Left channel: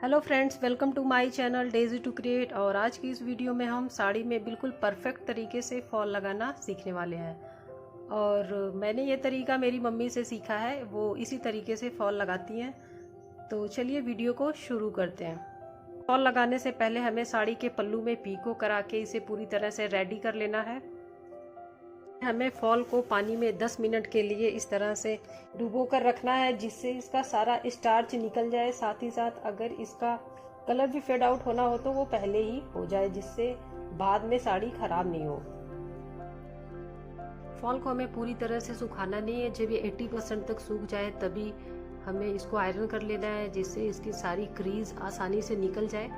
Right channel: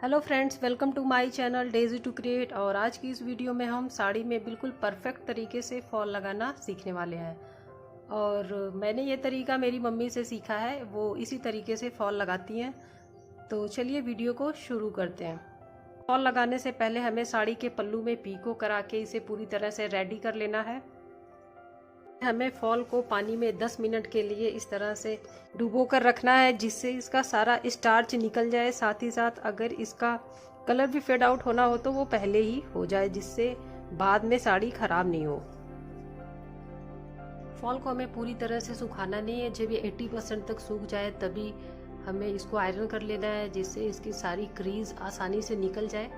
Hello friends, welcome to my channel Daisy to create. और आज की इस वीडियो में हम साड़ी में बिल्कुल परफेक्ट तरीके से फॉल लगाना सीखने वाले हैं। और मैंने ये तरीका मेरी मम्मी से सीखा है, वो इसी तरीके से फॉल लगाती हैं। तो चलिए वीडियो को शुरू करते हैं। फॉल लगाने से पहले हमें साड़ी के पल्लू में पीको करा के इसे पूरी तरह से रेडी कर लेना है। हमें फॉल को पानी में 10 मिनट के लिए इस तरह से डुबो कर रखना है, जिससे इसका सारा स्टार्च निकल जाए। साथ ही साथ अगर इसका कलर भी फेड आउट होना हो तो वो पहले ही हो जाए, जिससे बाद में साड़ी खराब नहीं हो। फॉल को हमें पूरी तरह से सुखाना नहीं है। जब ये 80% तक सूख जाए तभी हमें इसको आयरन कर लेना है, जिससे इसकी सारी क्रीज आसानी से निकल जाए।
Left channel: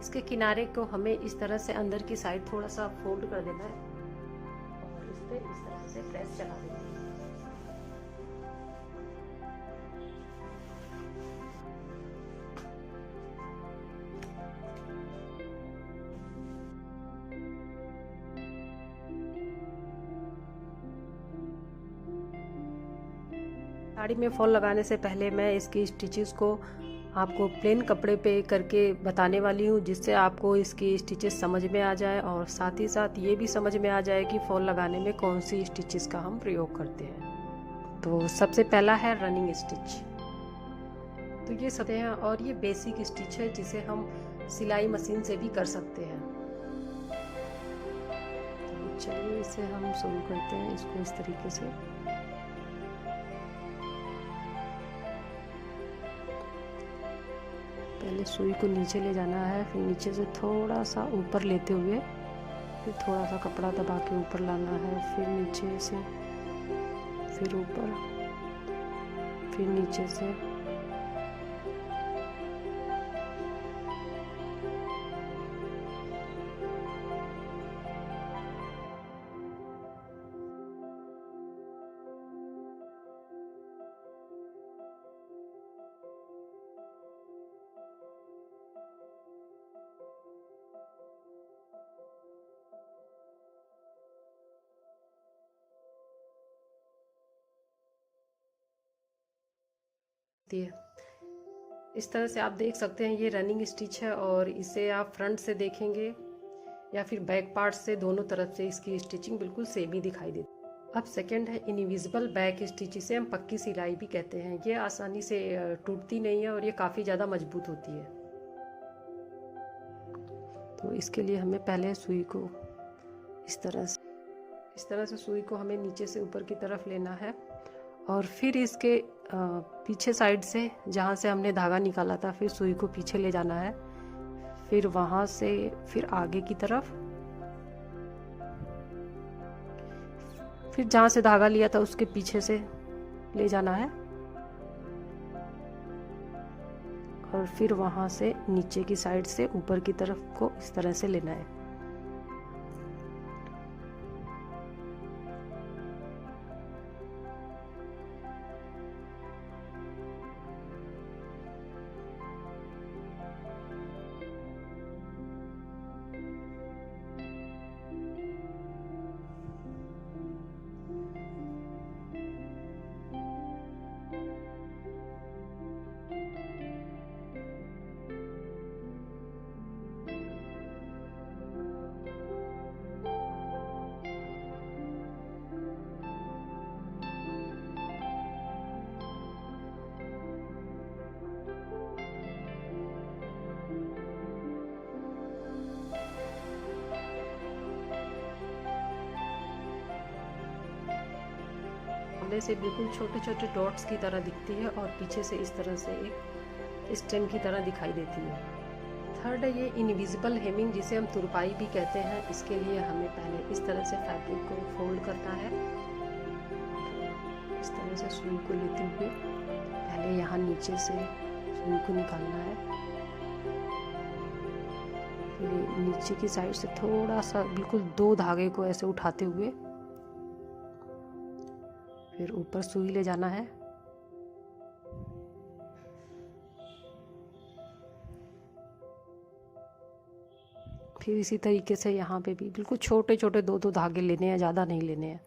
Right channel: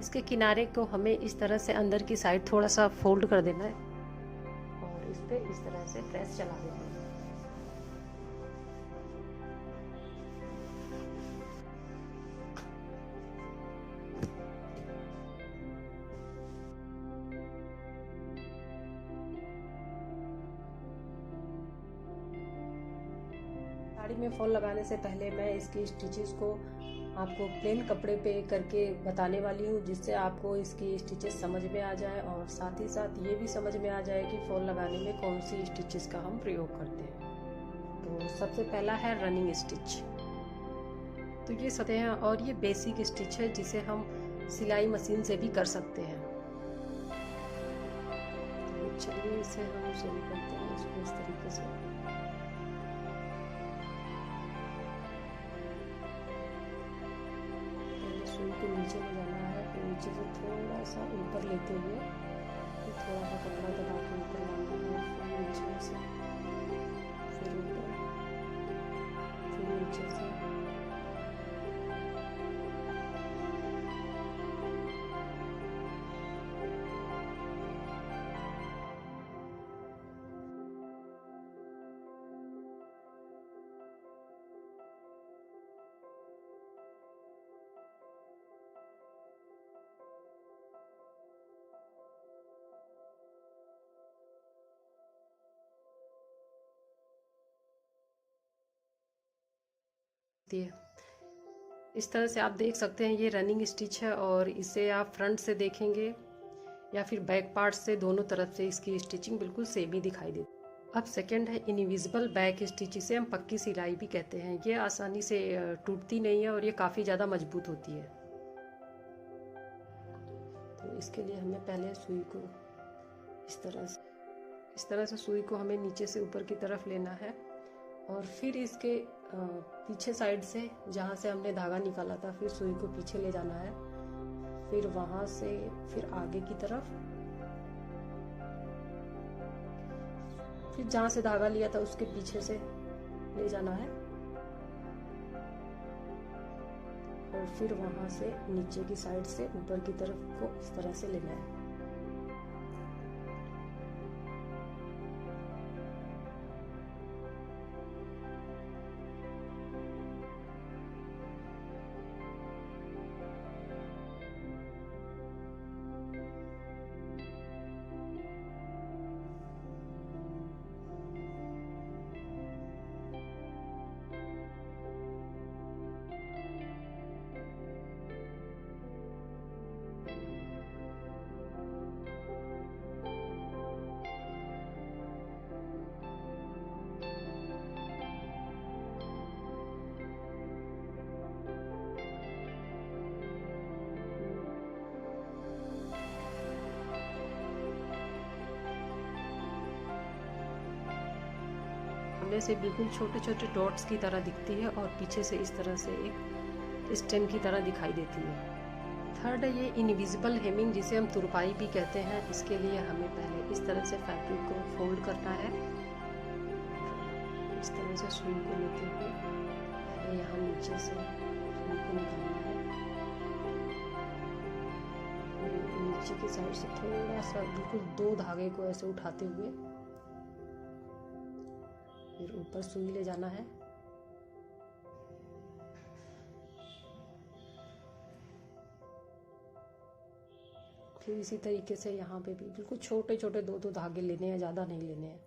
इसके किनारे को हमें इस तरह से अंदर की साइड थोड़ा सा फोल्ड कर देना है और इस पे इस तरह से प्रेस चला देना है। साड़ी में फॉल लगाने से पहले मैं इसकी स्टिचेस को आपको प्लेन कपड़े पे करके बताने वाली हूँ, जिससे आपको इसकी स्टिचेस समझ में आ जाए और साथ ही साथ ये भी समझ में आ जाए कि फॉल लगाने में कौन सी स्टिचेस का हम प्रयोग करते हैं। तो सबसे पहला है रनिंग स्टिच। तो ये सतह हैं और ये बेसिक स्टिच है, जिसे हम सिलाई मशीन से भी कर सकते हैं। तो चलिए इसे हम शुरू करते हैं। इसको इस तरीके से पहले सुई को नीचे ले जाना है, फिर नीचे से थोड़ा सा ऊपर लेते हुए फिर थोड़ा सा कपड़ा दबा के ऊपर लाना है, फिर नीचे से, फिर ऊपर, फिर नीचे से। इस तरह से आप देख सकते हैं ये रनिंग स्टिच है, और इसे आप फ्रंट से देखेंगे या फिर बैक पार्ट से, दोनों तरफ से इसकी स्टिचिंग बिल्कुल सेम ही दिखाई देती है। अब सेकंड है इनविजिबल बैक स्टिच। इसे हम पक्की सिलाई भी कहते हैं। ये आसानी से टूटती नहीं है और ये काफ़ी ज़्यादा मजबूत होती है। तो इसके लिए हमें पहले सुई को इस तरह से सुई को हमें नीचे से ऊपर की तरफ लेना है, और फिर इसके पीछे साइड से जहाँ से हमने धागा निकाला था, फिर सुई को पीछे ले जाना है, फिर वहाँ से फिर आगे की तरफ, फिर जहाँ से धागा लिया था उसके पीछे से ले जाना है, और फिर वहाँ से नीचे की साइड से ऊपर की तरफ को इस तरह से लेना है। सामने से बिल्कुल छोटे छोटे डॉट्स की तरह दिखती है और पीछे से इस तरह से एक स्टेम की तरह दिखाई देती है। थर्ड है ये इनविजिबल हेमिंग, जिसे हम तुरपाई भी कहते हैं। इसके लिए हमें पहले इस तरह से फैब्रिक को फोल्ड करना है। इस तरह से सुई को लेते हुए पहले यहाँ नीचे से सुई को निकालना है, फिर नीचे की साइड से थोड़ा सा बिल्कुल 2 धागे को ऐसे उठाते हुए फिर ऊपर सुई ले जाना है, फिर इसी तरीके से यहाँ पे भी बिल्कुल छोटे छोटे 2-2 धागे लेने हैं, ज़्यादा नहीं लेने हैं।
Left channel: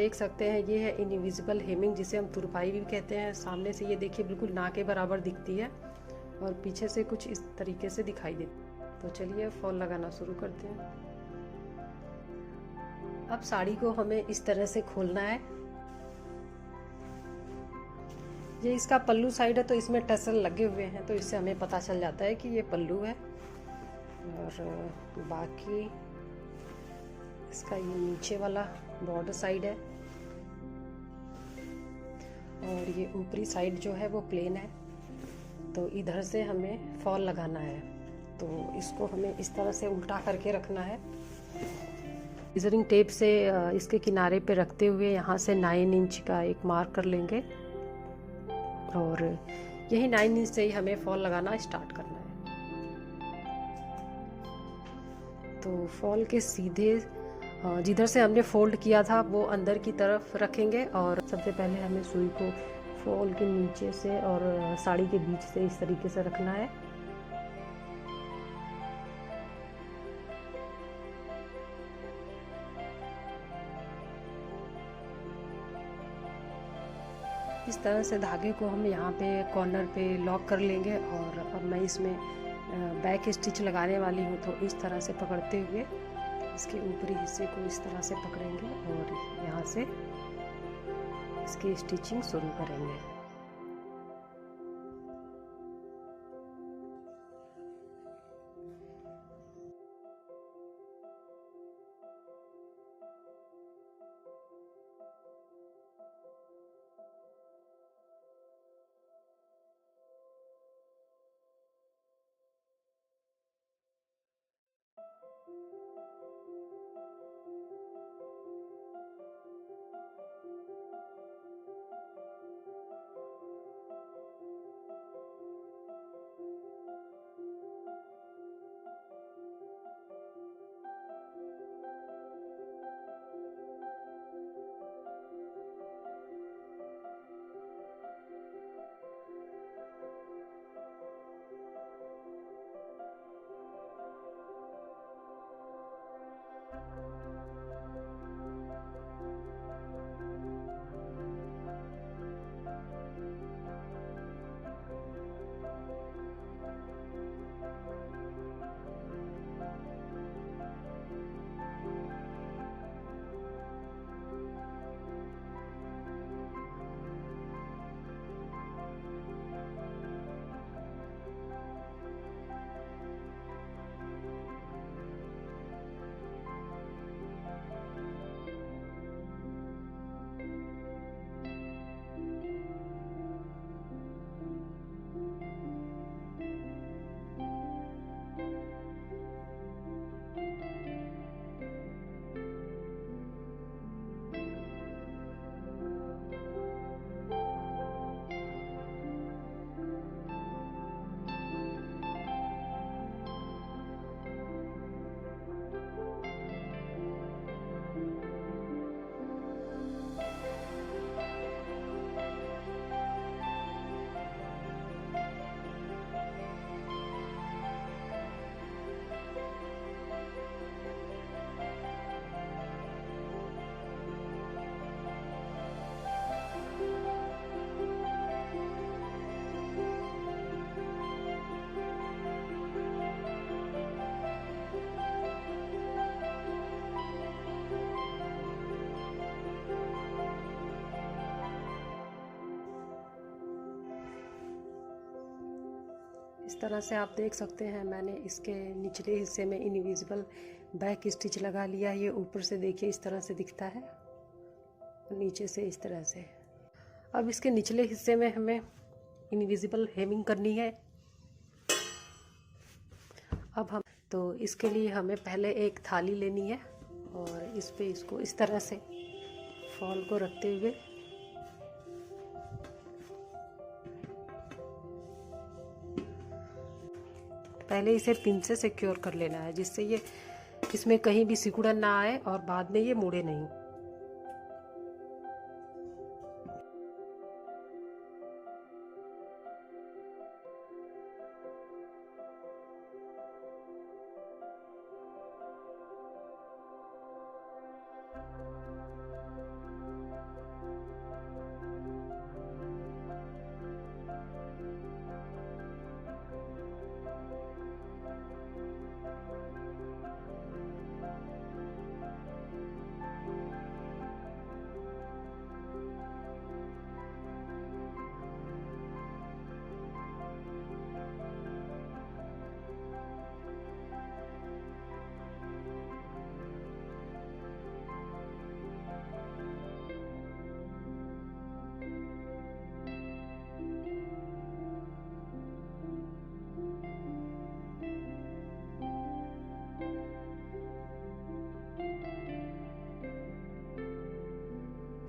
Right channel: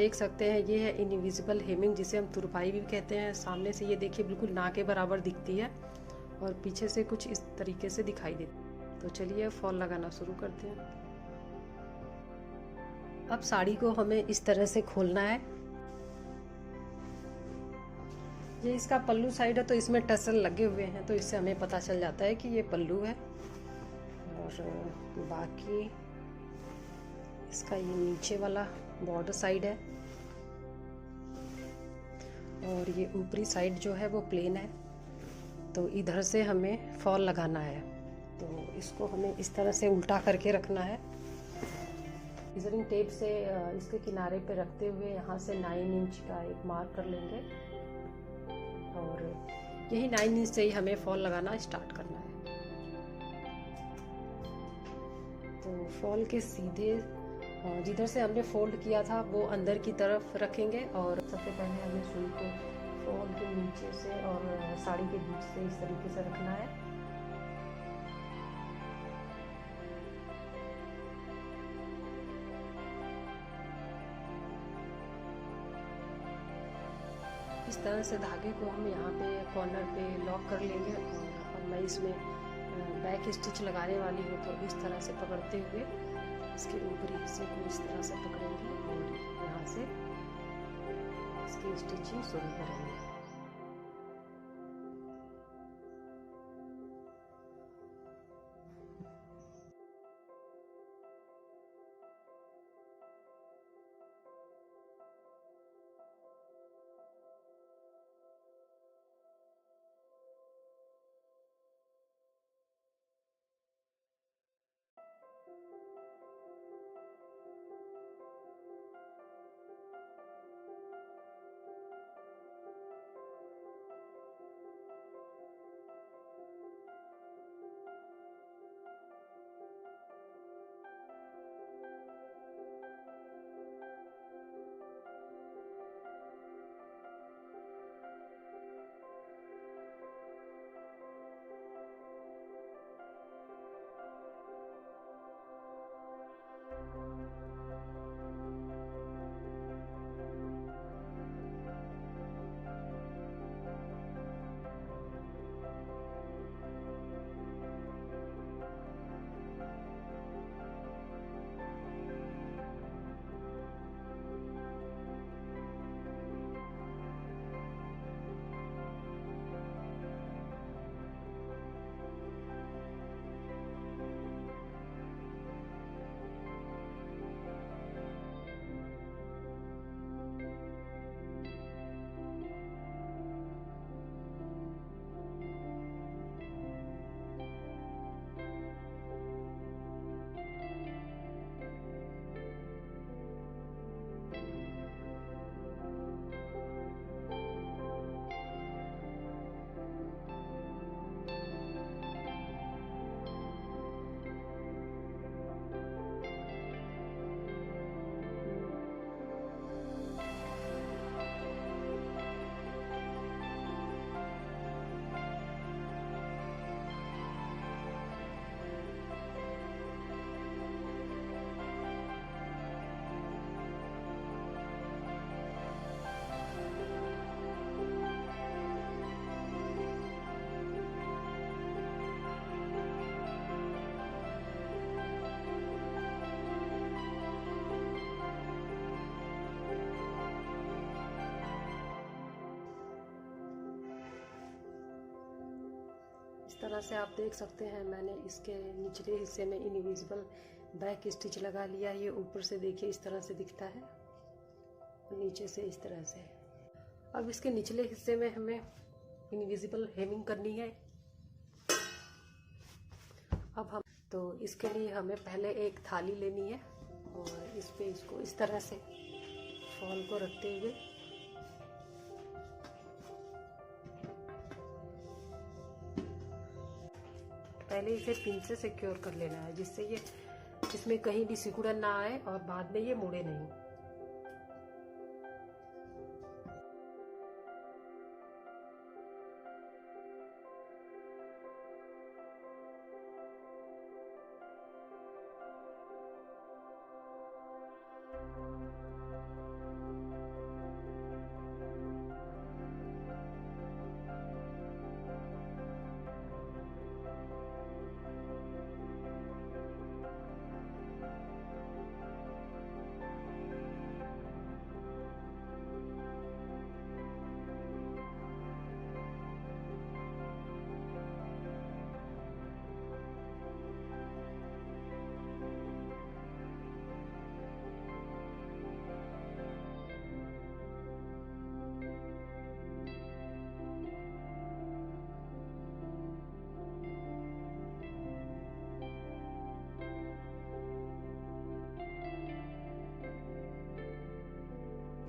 देख सकते हैं ये है इनविजिबल हेमिंग, जिसे हम तुरपाई भी कहते हैं। सामने से ये देखिए बिल्कुल ना के बराबर दिखती है और पीछे से कुछ इस तरीके से दिखाई देती। तो चलिए फॉल लगाना शुरू करते हैं। अब साड़ी को हमें इस तरह से खोलना है। ये इसका पल्लू साइड है तो इसमें टसल लगे हुए हैं, तो इससे हमें पता चल जाता है कि ये पल्लू है। और बाकी इसका ये नीचे वाला बॉर्डर साइड है और ये ऊपरी साइड जो है वो प्लेन है। तो इधर से हमें फॉल लगाना है, तो इसको हमें इस तरह से उल्टा करके रखना है। मेजरिंग टेप से इसके किनारे पे रखते हुए यहाँ से 9 इंच का एक मार्क कर लेंगे और यही 9 इंच से ही हमें फॉल लगाना स्टार्ट करना है। तो फॉल के सीधे जिधर से हमने फोल्ड किया था वो अंदर की तरफ रखेंगे और सबसे पहले हमें सुई को फॉल के नीचे से और साड़ी के बीच से इस तरीके से रखना है। इस तरह से धागे को हम यहाँ पे कॉर्नर पे लॉक कर लेंगे और अब मैं इसमें बैक स्टिच लगाने वाली हूँ। तो इस तरह से पकड़ते हुए इसके ऊपरी हिस्से को इस तरह से पकड़ेंगे और यहाँ से इसकी स्टिचिंग शुरू करेंगे। इस तरह से आप देख सकते हैं मैंने इसके निचले हिस्से में इनविजिबल बैक स्टिच लगा लिया। ये ऊपर से देखिए इस तरह से दिखता है, नीचे से इस तरह से। अब इसके निचले हिस्से में हमें इनविजिबल हेमिंग करनी है। अब हम तो इसके लिए हमें पहले एक थाली लेनी है और इस पे इसको इस तरह से फॉल को रखते हुए पहले इसे पिन से सिक्योर कर लेना है, जिससे ये इसमें कहीं भी सिकुड़न ना आए और बाद में ये मुड़े नहीं।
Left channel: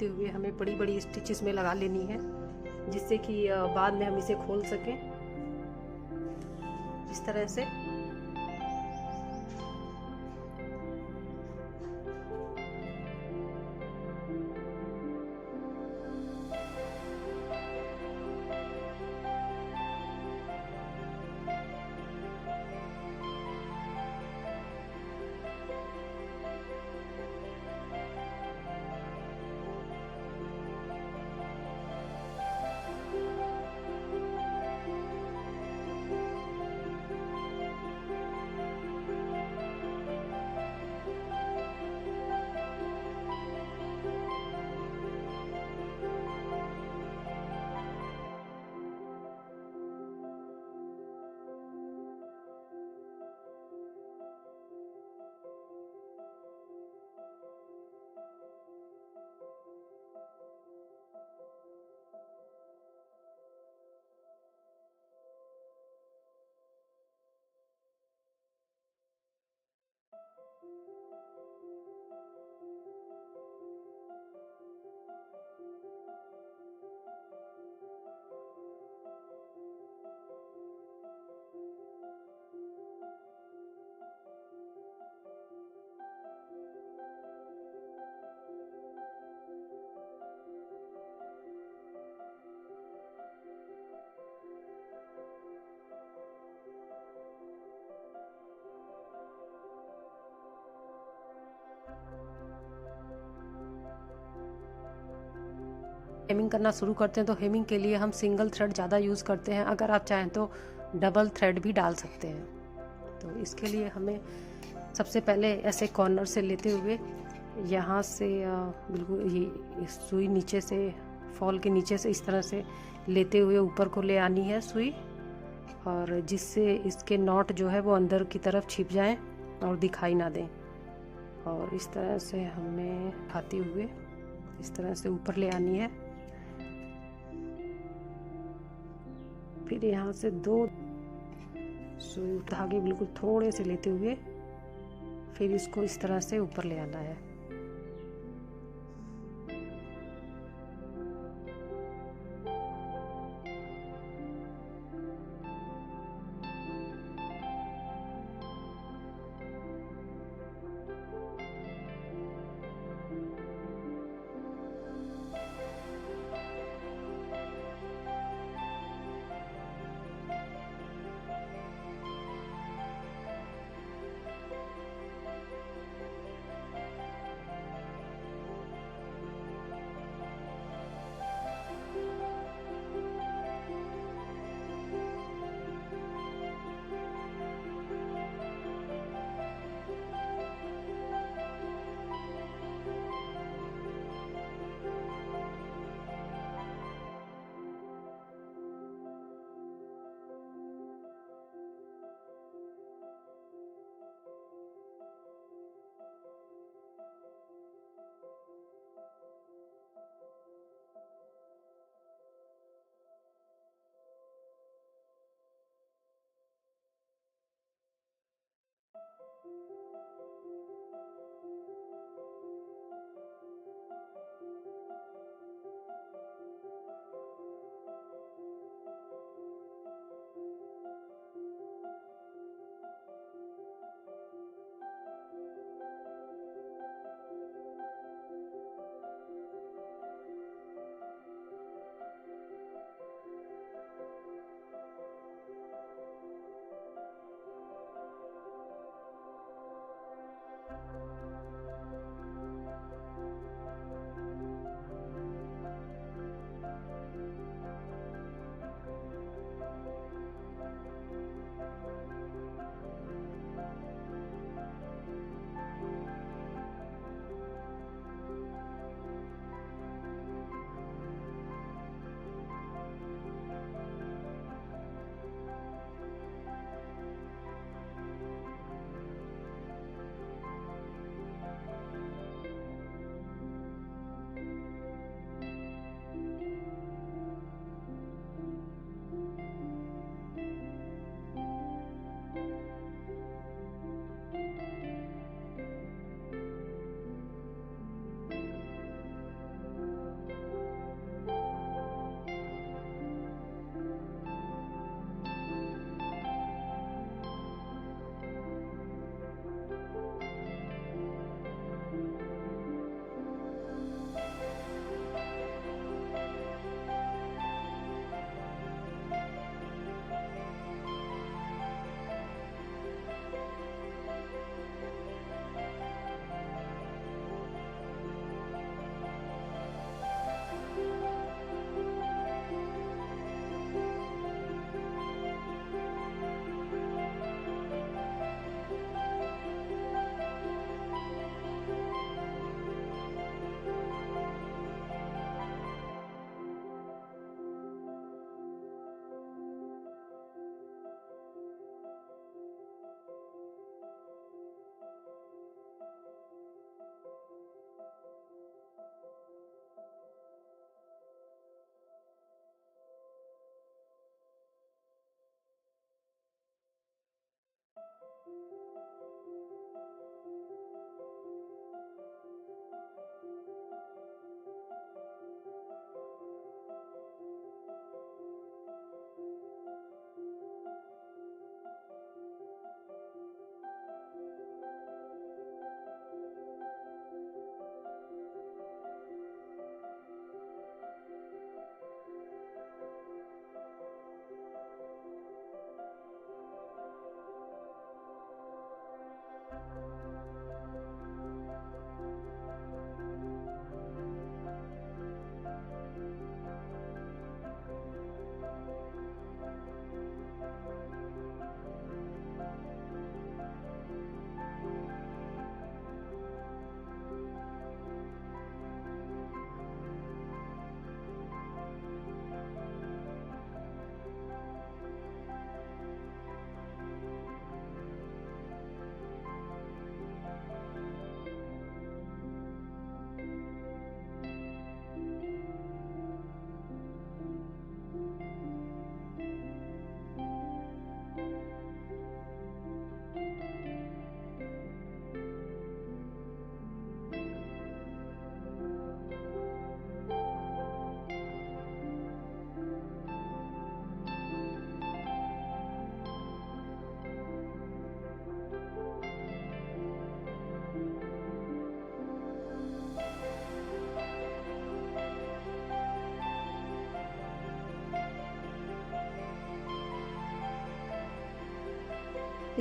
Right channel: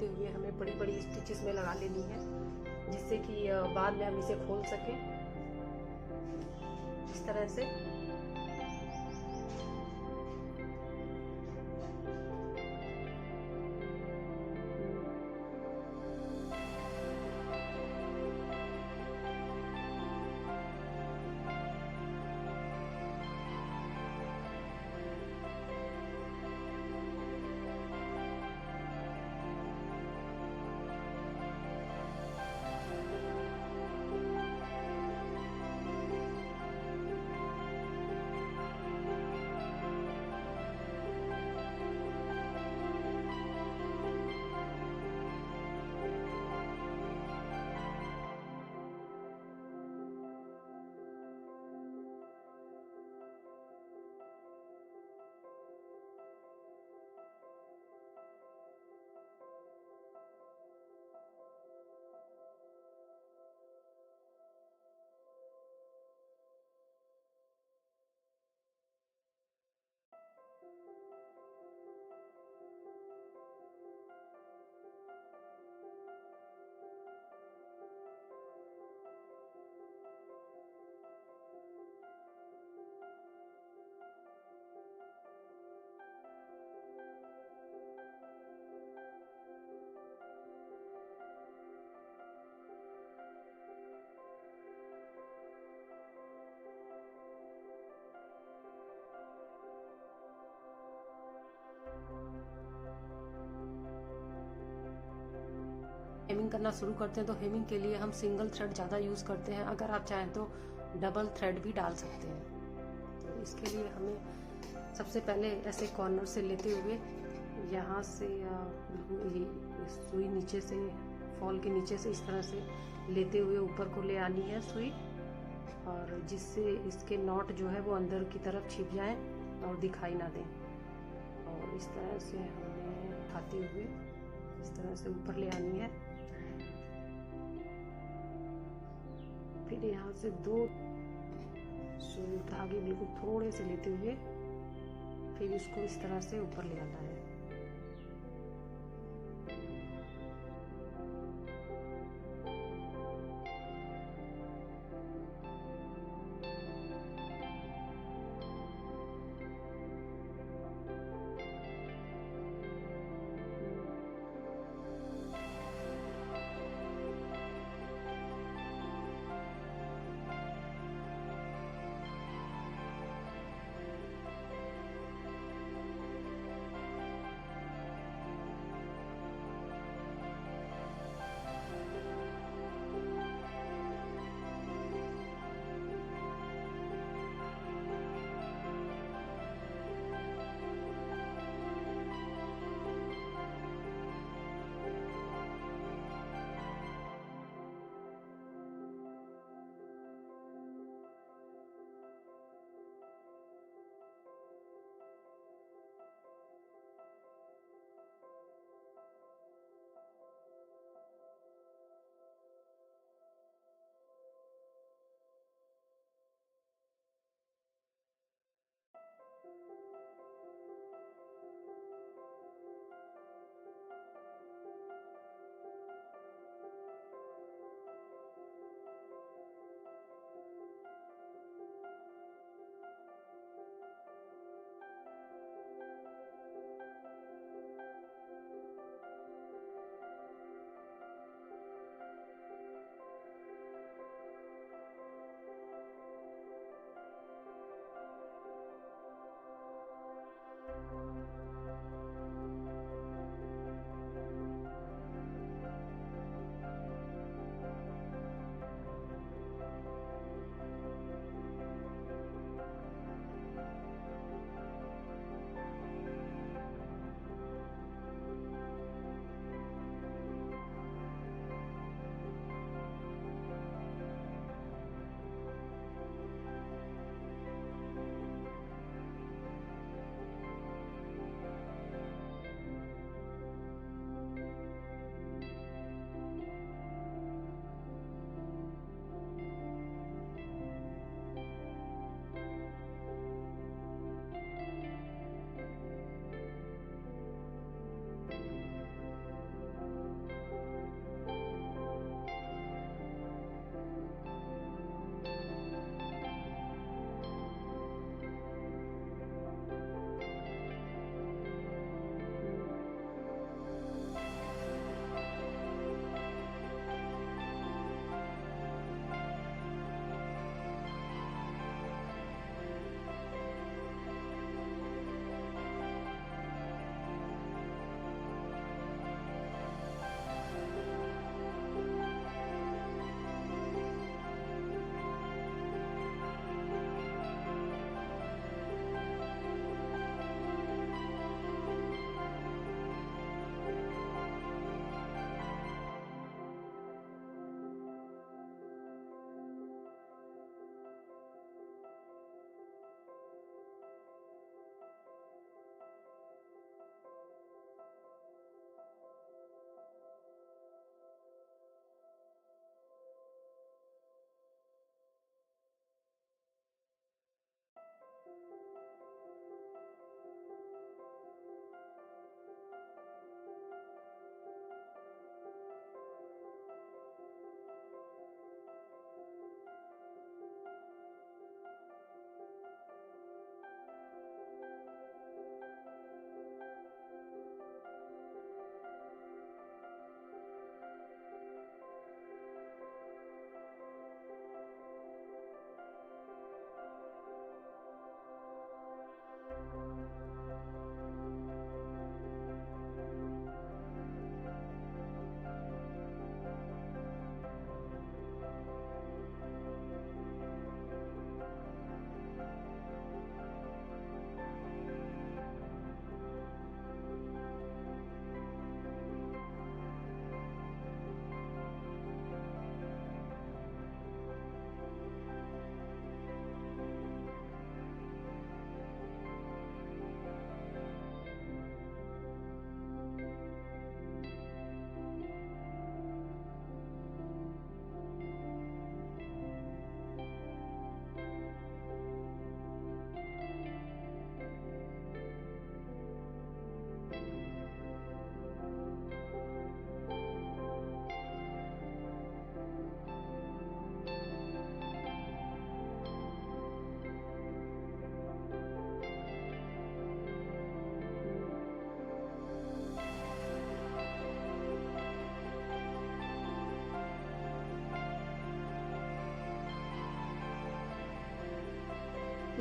लेते हुए हमें बड़ी बड़ी स्टिचेस में लगा लेनी है, जिससे कि बाद में हम इसे खोल सकें इस तरह से। हेमिंग करना शुरू करते हैं तो हेमिंग के लिए हम सिंगल थ्रेड ज़्यादा यूज़ करते हैं। अगर आप चाहें तो डबल थ्रेड भी डाल सकते हैं। तो इसके लिए हमें सबसे पहले ऐसे कॉर्नर से लेते हुए यहाँ से बिल्कुल ये सुई नीचे से, फॉल के नीचे से इस तरह से लेते हुए ऊपर को ले आनी है सुई, और जिससे इसके नॉट जो है वो अंदर की तरफ छिप जाएं और दिखाई ना दें। और इस तरह से हमें खाते हुए इस तरह से ऊपर ले आनी है। फिर यहाँ से 2 सुई धागे बिल्कुल थोड़े से लेते हुए फिर इसको इस तरह से ऊपर ले आना है।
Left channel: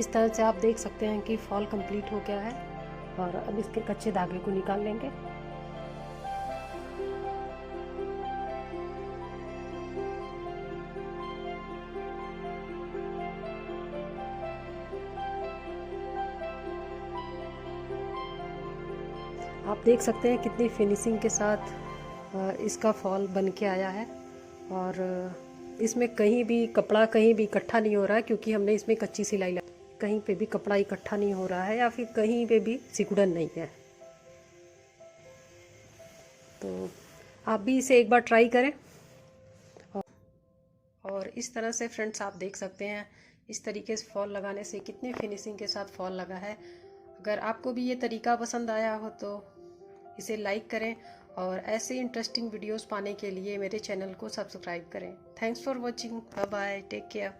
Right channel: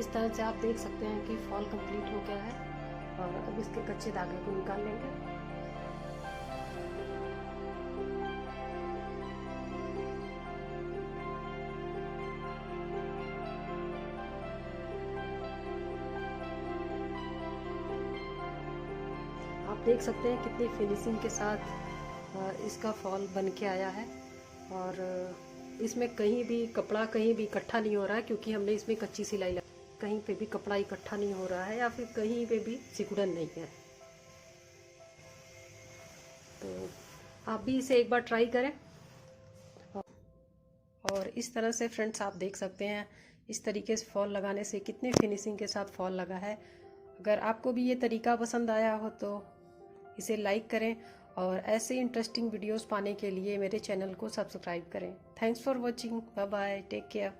इस तरह से आप देख सकते हैं कि फॉल कंप्लीट हो गया है। और अब इसके कच्चे धागे को निकाल लेंगे। आप देख सकते हैं कितनी फिनिशिंग के साथ इसका फॉल बन के आया है। और इसमें कहीं भी कपड़ा कहीं भी इकट्ठा नहीं हो रहा है, क्योंकि हमने इसमें कच्ची सिलाई लगाई। कहीं पे भी कपड़ा इकट्ठा नहीं हो रहा है या फिर कहीं पे भी सिकुड़न नहीं है। तो आप भी इसे एक बार ट्राई करें। और इस तरह से फ्रेंड्स आप देख सकते हैं इस तरीके से फॉल लगाने से कितनी फिनिशिंग के साथ फॉल लगा है। अगर आपको भी ये तरीका पसंद आया हो तो इसे लाइक करें और ऐसे इंटरेस्टिंग वीडियोस पाने के लिए मेरे चैनल को सब्सक्राइब करें। Thanks for watching. Bye bye, take care.